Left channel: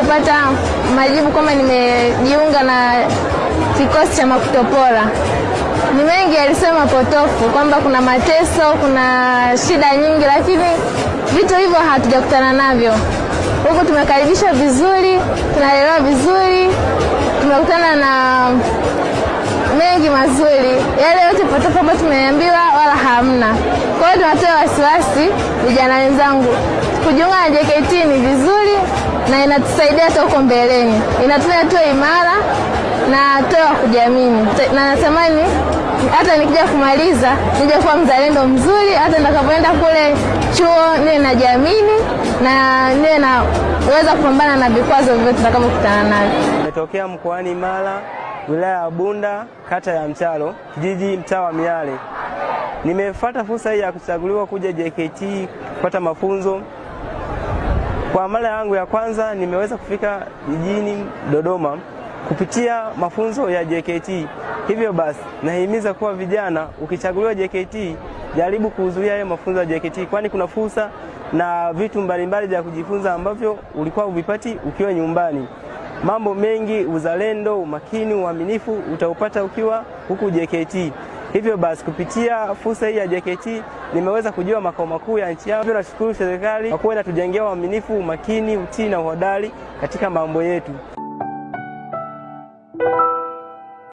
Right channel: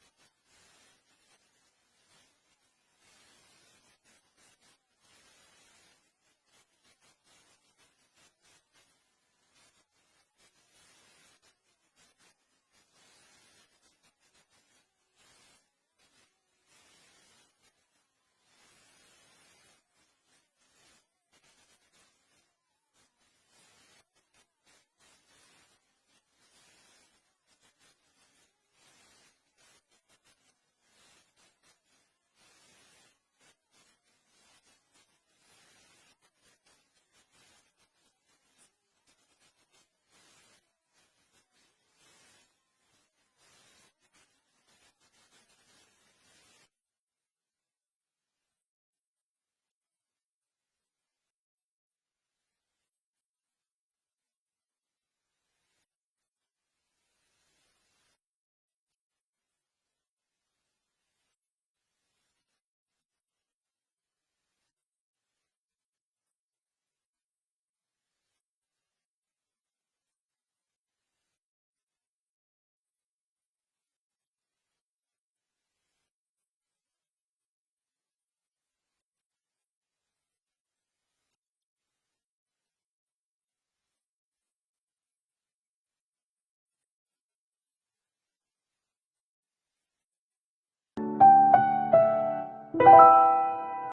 kupata majibu kwamba nimejiunga na kikosi cha Makutopora. Ni mengi alisema potofu kwamba kuna mateso, kuna shida nyingi, lakini vitu hivyo hatujakutana navyo. Huko tumekaribishwa vizuri, tunalelewa vizuri, tumekutana na mengi mazuri. Yale yote potofu ambayo tumeambiwa wala hamna. Kwa hiyo tunatoa wasiwasi vijana wenzangu. Kujiunga na JKT ni vizuri na inatusaidia hata huko mbeleni. Inatufanya tuwe imara na tuwe wa kujiamini. Na natamani hata nikija kumaliza nije kuwa mzalendo mzuri, hata nitakapoenda kule chuo niwe najiamini na niwe naweza kupambana na vikwazo vyote tutakavyokutana navyo. Nimetokea mkoani Mara, wilaya ya Bunda, kata ya Mchalo, kijiji mtaa wa Miale. Nimefuata fursa hii ya kuchaguliwa kuja JKT kupata mafunzo. Kwa mara yangu ya kwanza nimeweza kufika jijini Dodoma kupitia mafunzo ya JKT. Hivyo basi nahimiza kuwa vijana, ukichaguliwa JKT, jaribu kuhudhuria hayo mafunzo ya JKT, kwani kuna fursa na vitu mbalimbali vya kujifunza ambavyo ulikuwa uvipati ukiwa nyumbani. Mambo mengi, uzalendo, umakini, uaminifu utaupata ukiwa huku JKT. Hivyo basi kupitia fursa hii ya JKT nimeweza kujua makao makuu ya nchi yangu. Nashukuru serikali kwa kuwa inatujengea uaminifu, umakini, utii na uhodari katika mambo yetu.